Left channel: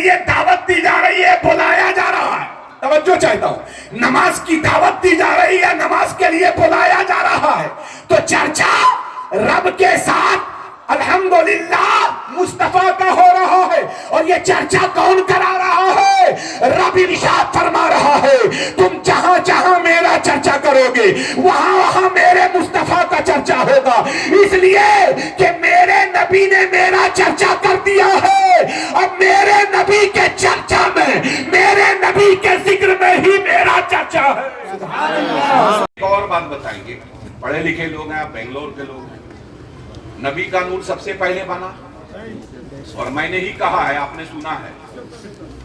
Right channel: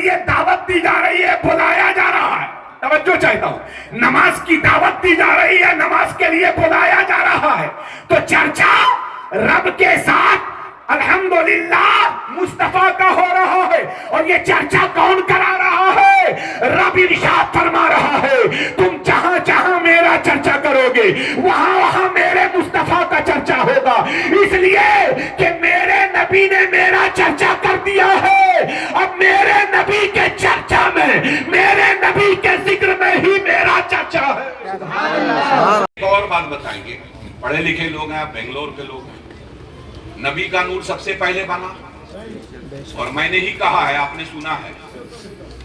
لیے دعوت دی جا رہی ہے، بلایا جا رہا ہے. توجہ چاہتا ہوں، نماز کی دعوت دی جا رہی ہے، نماز کے لیے بلایا جا رہا ہے. تو چرچا رب کے ساتھ الحمدللہ مصطفیٰ کا ہو رہا ہے. اور یہ چرچا کون کرا رہا ہے؟ رب ارشاد فرما رہا ہے تم جہاں جہاں میرا چرچا کرو گے وہاں وہاں میرے مصطفیٰ کا چرچا ہوگا. اس لیے کہ میرے نبی نے میرا چرچا کر دیا ہے. اب میرے نبی کے چرچا میں، میرے نبی کے ذکر میں ہی میرا چرچا ہے. ایک اور بات بتائیں گے، پڑھے لکھے لوگ ہیں، آپ بنگلور کے لوگ ہیں. نبی کا نور سب سے پہلے بنا، اور میں نے ہی کہا ہے، آپ نے سنا ہے،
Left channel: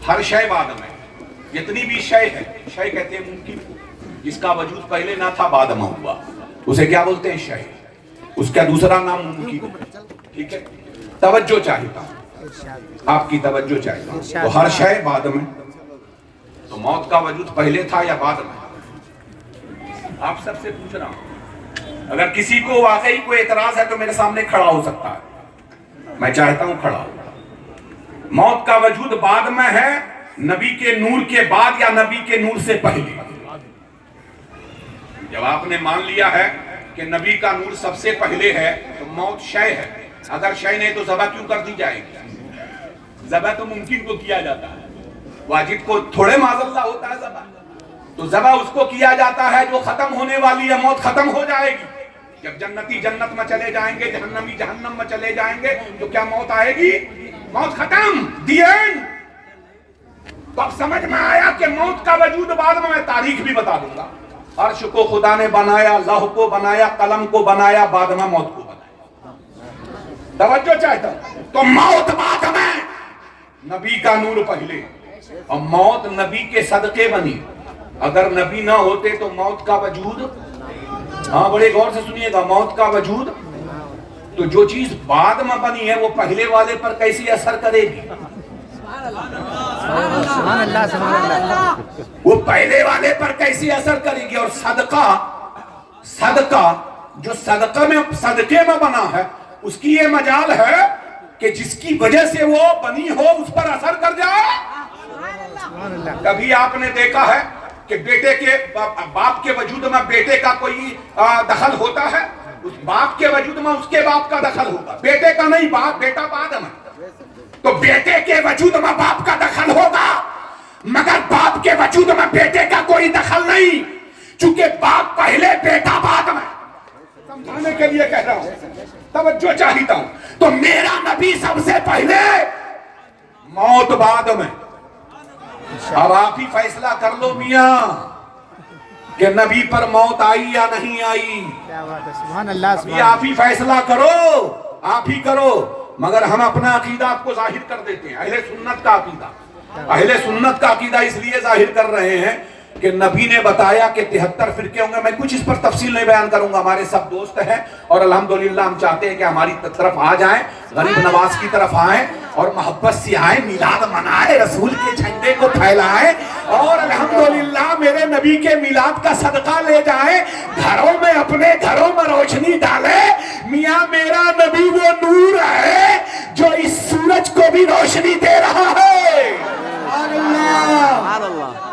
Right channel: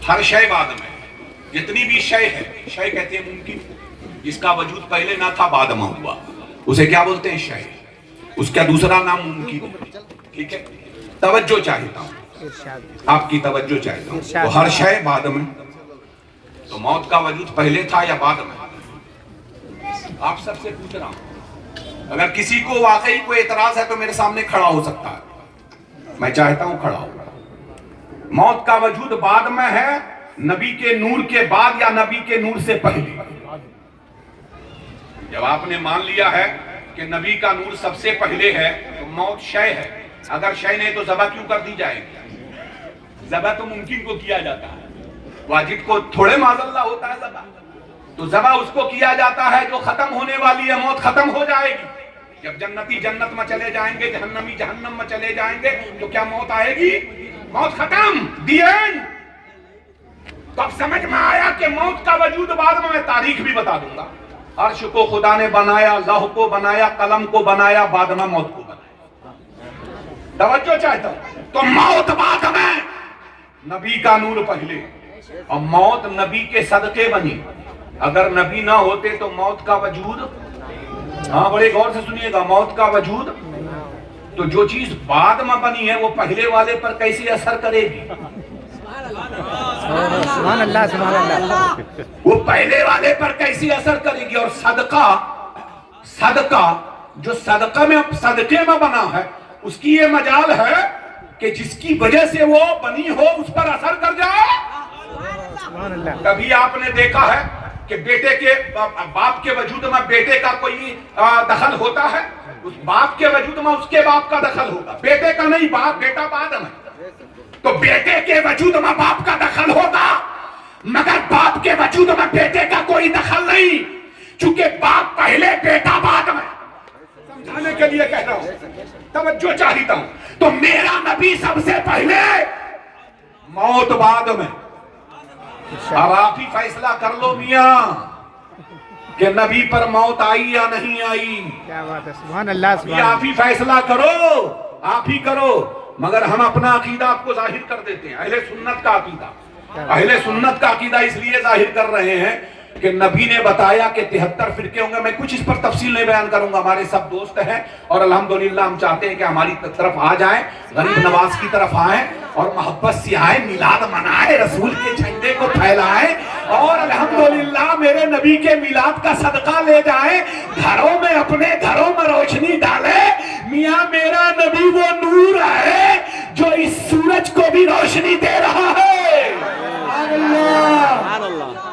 ہر شے بعد میں. جتنی بھی شے ہے، شے کہتے ہیں ممکن کو، جس کا وجود پہلے نہ تھا بعد میں ہوا، اسے کیا بولتے ہیں؟ شے. اس کا دوسرا نام ممکن ہے. ٹھیک ہے، توجہ چاہتا ہوں، آپ کی توجہ چاہتا ہوں. تو ہر شے بعد میں، تو موت کا وجود پہلے تھا یا بعد میں؟ آپ سب سے پوچھ رہا ہوں. اگر کسی کو واقعی کوئی اعتراض ہے تو میرے سامنے کھڑا ہو سکتا ہے، میں چاہتا ہوں کھڑا ہو. موت کا وجود بعد میں ہے، نبی کے نور کے بعد یا نبی کے نور سے پہلے؟ جب آپ نے مان لیا ہے کہ نبی کا نور سب سے پہلے ہے تو موت شے ہے. اگر شے نہیں تو ذبح کیوں کر دی جائے گی؟ ذبح تو ممکن کو کیا جاتا ہے، واجب کو تھوڑے معاذ اللہ ہوتا ہے ذبح. تو ذبح اس کو کیا جاتا ہے جو ختم ہونے والی ہے، موت ختم ہو جائے گی. جب جنتی جنت میں چلے جائیں گے، جہنمی جہنم میں چلے جائیں گے، تو کیا موت آئے گی؟ موت ختم، دی اینڈ. تو اب سمجھ میں آیا کہ موت کا وجود بعد میں تاریخ بھی بتا دوں گا. عرش کو خدا نے بنایا، لوح کو بنایا، قلم کو بنایا، بعد میں موت کو بنایا. توجہ چاہتا ہوں. تو موت بعد میں، نبی کا نور پہلے. اور موت نبی کے صدقے بنی. اگر نبی نہ ہوتے تو موت کا وجود، ہاں بڑے غور سے سنیے گا، موت کا وجود. تو جو چیز بعد میں بنی ہے وہ پہلے والے پر کیسے اثر کرے گی؟ سبحان اللہ سبحان اللہ. وہ پہلے والے پر کیسے اثر کرے گی؟ اور صدقہ جو صدقے میں بنا ہے، اس کی یہ مجال ہے کہ جس کی وجہ سے وہ بنی ہو اس پر اثر کر جائے. کبھی آپ نے دیکھا ہے کہ بیٹے کے باپ کے وجود میں بیٹے کا کوئی دخل ہوتا ہے؟ اس باپ کے وجود میں اس کے باپ کا دخل ہوگا، بیٹے کا نہیں. بیٹا بعد میں. تو بیٹے کے وجود میں باپ کا دخل ہوگا، مگر باپ کے وجود میں بیٹے کا کوئی دخل نہیں، چونکہ باپ پہلے بیٹا بعد میں. سمجھانے کے لیے کہہ رہا ہوں، توجہ چاہتا ہوں. تو میرا نبی سب سے پہلے، موت بعد میں. اب آپ ہی فیصلہ کر لو میاں کہ نبی پر موت آئی یا نہیں آئی. سبحان اللہ ابھی آپ ہی فیصلہ کرو، آپ ہی کرو. مگر ہم اپنا عقیدہ آپ کو ظاہر کر دیتے ہیں، اہل سنت کا عقیدہ. اہل سنت کا عقیدہ اس لیے ظاہر کر رہے ہیں کہ نبی نے بتایا کہ 73 فرقے ہوں گے. میں کچھ اس پر تفصیل نہیں بیان کروں گا، ہمارے سب دوست ہیں اور الحمدللہ ہم چاہتے ہیں کہ ہماری طرف آ جائیں، غریب نواز کی طرف آئیں اور محبت سے آئیں، میلاد منائیں، رسول کے جھنڈے کو پھیلائیں اور الحمدللہ میرے نبی کے میلاد کا صدقہ لے جائیں، گھروں میں، اپنے گھروں میں روشنی ڈالیں. میاں میرا نبی وہ نور ہے جو اس سورج کو بھی روشنی دے رہا ہے.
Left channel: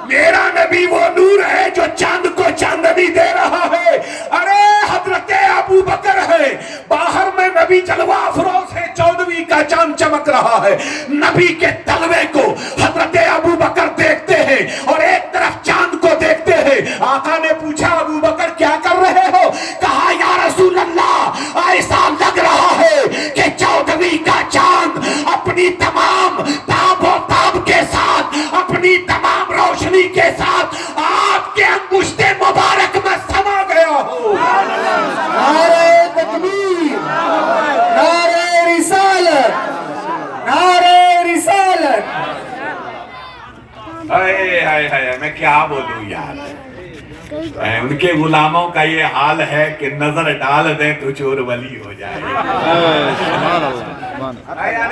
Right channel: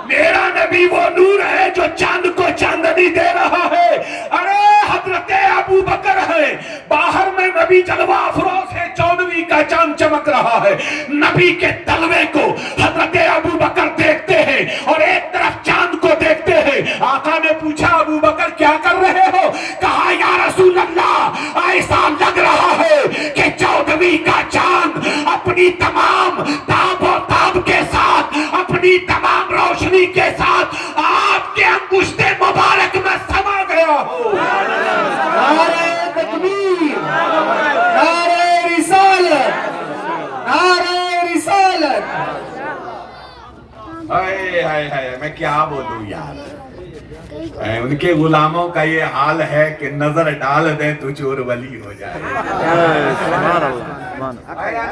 میرا نبی وہ نور ہے جو چاند کو چاندنی دے رہا ہے. ارے حضرت ابو بکر ہے، باہر میں نبی جلوہ افروز ہے، 14ویں کا چاند چمک رہا ہے. نبی کے تلوے کو حضرت ابو بکر دیکھتے ہیں اور ایک طرف چاند کو دیکھتے ہیں. آقا نے پوچھا ابو بکر کیا کر رہے ہو؟ کہا یا رسول اللہ ایسا لگ رہا ہے کہ 14ویں کا چاند اپنی تمام تاب و تاب کے ساتھ، اپنی تمام روشنی کے ساتھ آپ کے انگشت مبارک میں سما گیا ہو. نعرہ تکبیر، نعرہ رسالت، نعرہ رسالت. میں کیا بولوں یار. ان کے غلاموں کا یہ حال ہے کہ نظر ڈال دیں تو چور ولی ہو جائے. آیا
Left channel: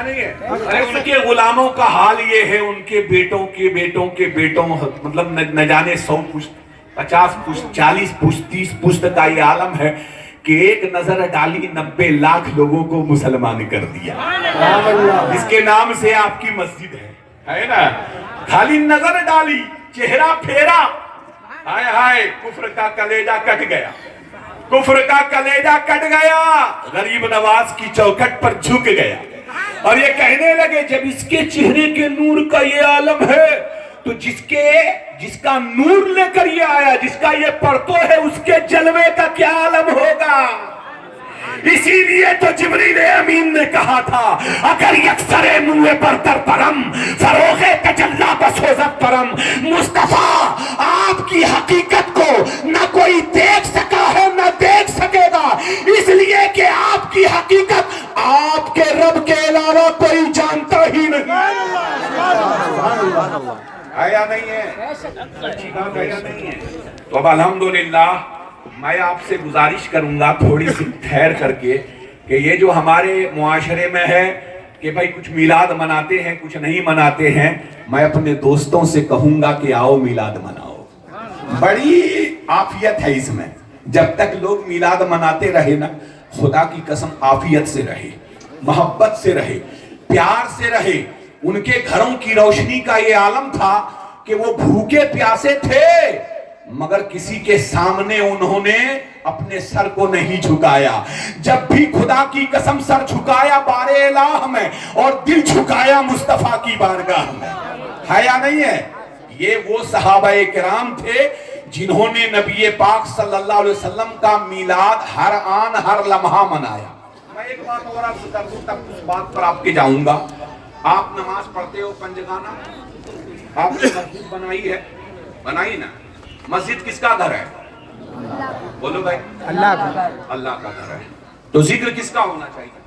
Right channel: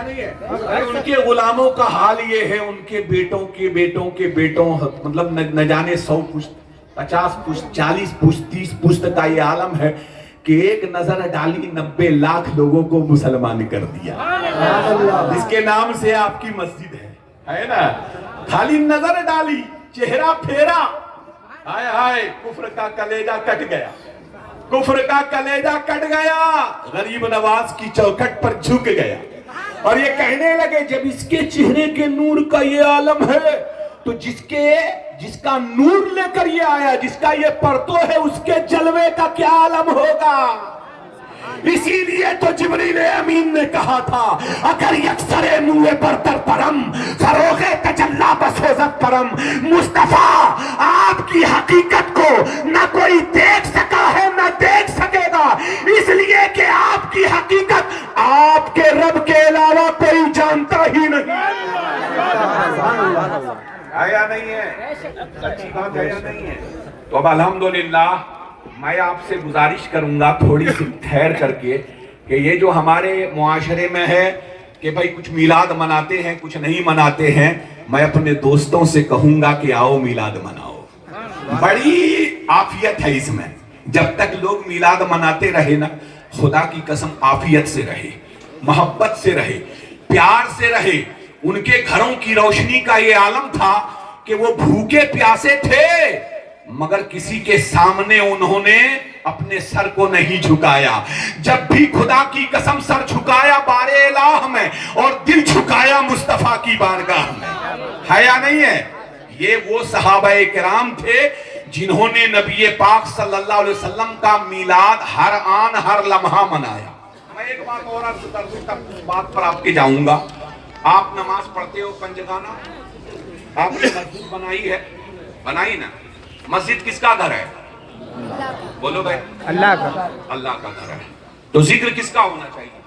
نہیں ہے. ارے ان کے غلاموں کا حال یہ ہے، ان کے بیٹوں کے بیٹوں کے بیٹوں، مطلب نہ جانے 100 پشت، 50 پشت، 40 پشت، 30 پشت کا یہ عالم ہے کہ ایک نظر ڈالی 90 لاکھ لوگوں کو مسلمان کر دیا، جس کے نام سے آپ کی مسجد ہے نا. خالی نظر ڈالی، چہرہ پھیرا، ہائے ہائے کفر کا کلیجہ کٹ گیا، کفر کا کلیجہ کٹ گیا، غریب نواز کی چوکھٹ پر جھک گیا. اور یہ کہنے لگے جب اس کے چہرے کے نور کا یہ عالم ہے تو جس کا نور لے کر یہ آیا، جس کا یہ پرتو ہے، اس کے جلوے کا کیا عالم ہوگا. اسی لیے تو جبریل امین نے کہا تھا اگر یکسر موے پر تر پرم فروغ تجلا بسوزت پرم. مصطفیٰ آپ کی حقیقت کو نہ کوئی دیکھ سکا ہے نہ دیکھ سکے گا، اس لیے کہ آپ کی حقیقت آپ کے رب کے علاوہ کوئی جانتا ہی نہیں. آیا نہیں ہے، سچی بات آیا نہیں ہے. تو اب الحمدللہ میں آپ سے گزارش کروں گا تھوڑی سی ٹھہر کر کے کہ یہ جو ہمارے معاشرے میں ہے کہ بھائی کچھ میلاد مناتے ہیں کچھ نہیں مناتے ہیں، میں اپنے دوستوں سے کہوں گا کہ آؤ میلاد مناؤ. بڑی عافیت ہے اس میں. جب تک لوگ میلاد مناتے رہے نا، خدا کی قسم عافیت سے رہے، محبت سے رہے، پیار سے رہے. ان کے گھروں کی روشنی کا یہ عالم تھا کہ وہ بھوکے پیاسے تھے مگر کسی کے سامنے انہوں نے اپنے سر کو نہیں جھکایا. جب بھی خدا کی قسم سر جھکایا بار الہ میں اور دل جھکایا مصطفیٰ کی بارگاہ میں. ہے یا نہیں ہے؟ یہ وہ صحابہ کرام تھے جنہوں نے نبی پاک صلی اللہ علیہ وسلم کا میلاد ہر آن ہر لمحہ منایا. میں ایک بات اور آپ سے کر دوں تب اس بات پر آپ کے جاؤں گا. آپ نماز پڑھتے ہو پنجگانہ، آپ نے مسجد بنائی ہے، بنائی نا. مسجد کس کا گھر ہے؟ بولو بھائی، اللہ کا. اللہ کا گھر ہے. تو ذکر کس کا ہونا چاہیے؟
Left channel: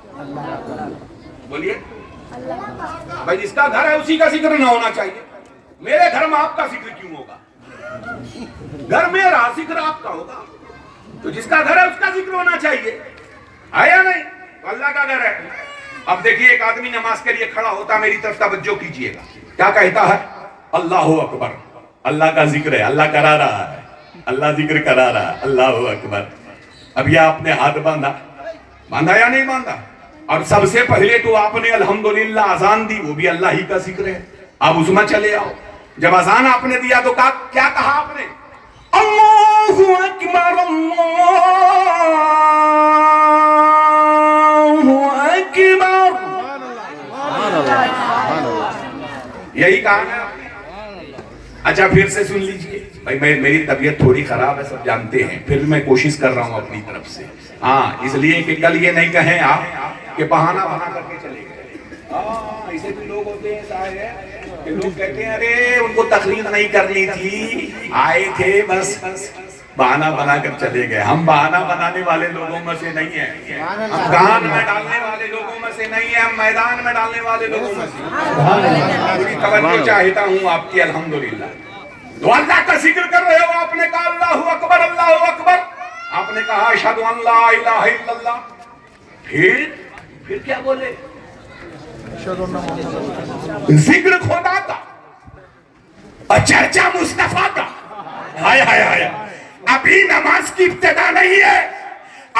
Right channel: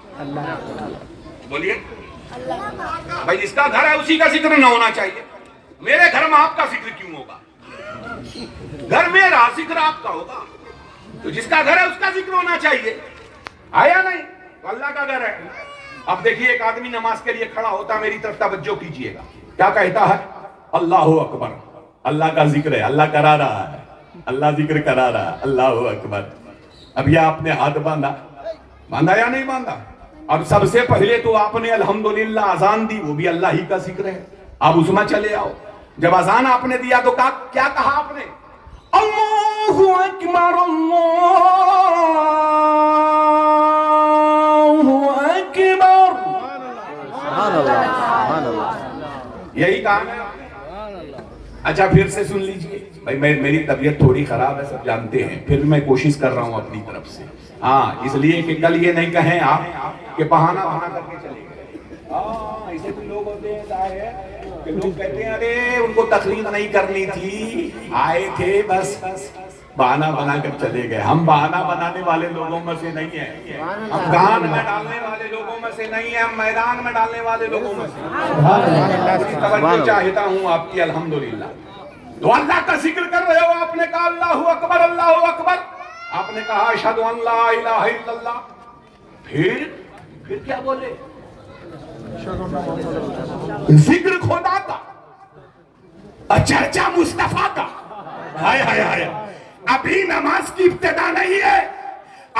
بولیے بھائی، جس کا گھر ہے اسی کا ذکر نہ ہونا چاہیے. میرے گھر میں آپ کا ذکر کیوں ہوگا؟ گھر میرا، ذکر آپ کا ہوگا. تو جس کا گھر ہے اس کا ذکر ہونا چاہیے. آیا نہیں؟ تو اللہ کا گھر ہے. اب دیکھیے ایک آدمی نماز کے لیے کھڑا ہوتا ہے، میری طرف توجہ کیجئے گا، کیا کہتا ہے؟ اللہ اکبر. اللہ کا ذکر ہے، اللہ کرا رہا ہے، اللہ ذکر کرا رہا ہے، اللہ اکبر. اب یہ آپ نے ہاتھ باندھا یا نہیں باندھا؟ اور سب سے پہلے تو آپ نے الحمدللہ اذان دی، وہ بھی اللہ ہی کا ذکر ہے. اب اس میں چلے آؤ. جب اذان آپ نے دیا تو کیا کہا آپ نے؟ اللہ اکبر اللہ اکبر. یہی کہا نا آپ نے. اچھا پھر سے سن لیجئے بھائی، میری طبیعت تھوڑی خراب ہے سب جانتے ہیں، پھر بھی میں کوشش کر رہا ہوں اپنی طرف سے. ہاں، اس لیے کہ کل یہ نہیں کہیں آپ کہ بہانہ بنا کر کے چلے گئے. ہاں، ایسے بھی لوگ ہوتے ہیں صاحب کہ لوگ کہتے ہیں ارے ان کو تقریر نہیں کرنی تھی، آئے تھے بس بہانہ بنا کر چلے گئے. ہم بہانہ بنانے والے لوگوں میں سے نہیں ہیں، ہم گان میں ڈالنے والے لوگوں میں سے نہیں ہیں، ہم میدان میں ڈالنے والے لوگوں میں سے. پوری توجہ چاہتا ہوں آپ کی الحمدللہ. تو اللہ کا ذکر کر رہے ہو، آپ نے کہا اللہ اکبر اللہ اکبر، آپ نے کہا اشہد ان لا الہ الا اللہ. پھر کیا بولے؟ ذکر خدا کا اور چرچا مصطفیٰ کا. ہائے ہائے ہائے. ابھی نماز کی ابتدا نہیں ہے،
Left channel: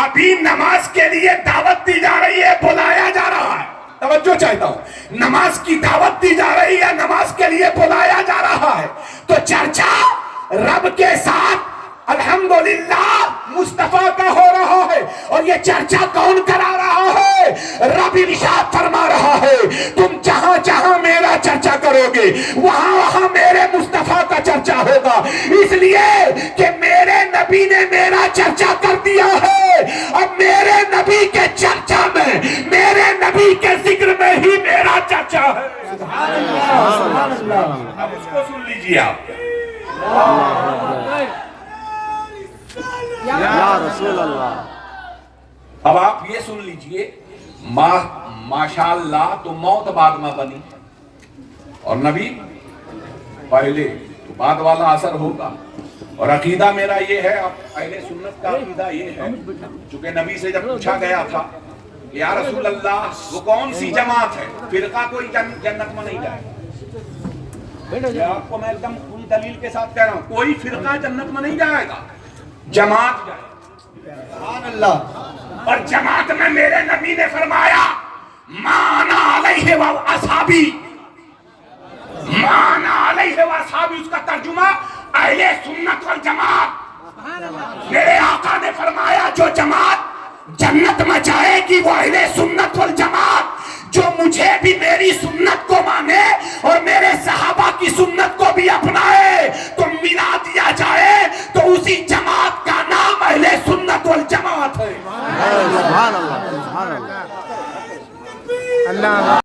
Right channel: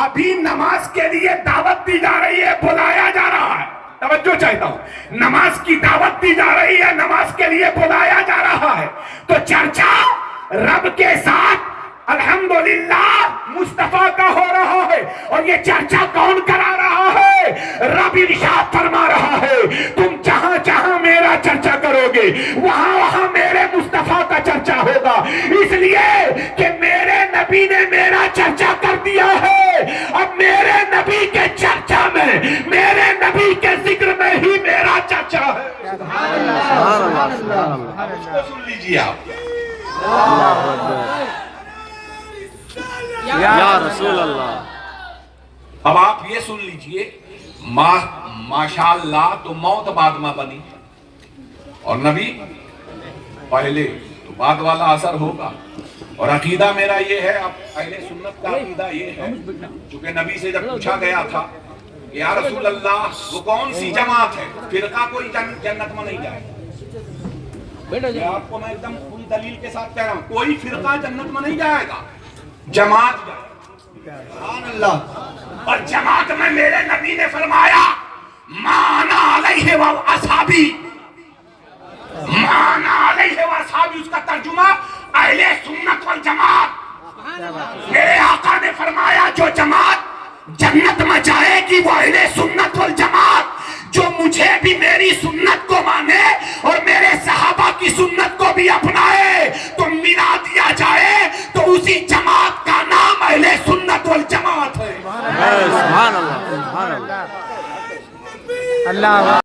ابھی نماز کے لیے دعوت دی جا رہی ہے، بلایا جا رہا ہے. توجہ چاہتا ہوں، نماز کی دعوت دی جا رہی ہے، نماز کے لیے بلایا جا رہا ہے. تو چرچا رب کے ساتھ الحمدللہ مصطفیٰ کا ہو رہا ہے. اور یہ چرچا کون کرا رہا ہے؟ رب ارشاد فرما رہا ہے تم جہاں جہاں میرا چرچا کرو گے وہاں وہاں میرے مصطفیٰ کا چرچا ہوگا. اس لیے کہ میرے نبی نے میرا چرچا کر دیا ہے. اب میرے نبی کے چرچا میں، میرے نبی کے ذکر میں ہی میرا چرچا ہے. سبحان اللہ. اب اس کو سن لیجیے آپ. یا رسول اللہ. اب آپ یہ سن لیجئے، ماشاءاللہ تو موت بعد میں بنی اور نبی پہلے، تو بعد والا اثر ہوگا. اور عقیدہ میرا یہ ہے، اہل سنت کا عقیدہ یہ ہے، چونکہ نبی سے جب پوچھا گیا تھا کہ یا رسول اللہ وہ کون سی جماعت ہے، فرقہ کوئی جنت میں نہیں جائے. یہ آپ کو میں ایک دم پوری دلیل کے ساتھ کہہ رہا ہوں، کوئی فرقہ جنت میں نہیں جائے گا، جماعت جائے. اور جماعت میں میرے نبی نے فرمایا مانا علیہ و اصحابی، مانا علیہ و اصحابی، اس کا ترجمہ اہل سنت والجماعت۔ میرے آقا نے فرمایا جو جماعت جنت میں جائے گی وہ اہل سنت والجماعت، جو مجھے بھی میری سنت کو مانے اور میرے صحابہ کی سنت کو بھی اپنائے تو ملا دیا جائے تو اسی جماعت کا نام اہل سنت والجماعت ہے۔ سبحان اللہ، سبحان اللہ۔ اللہ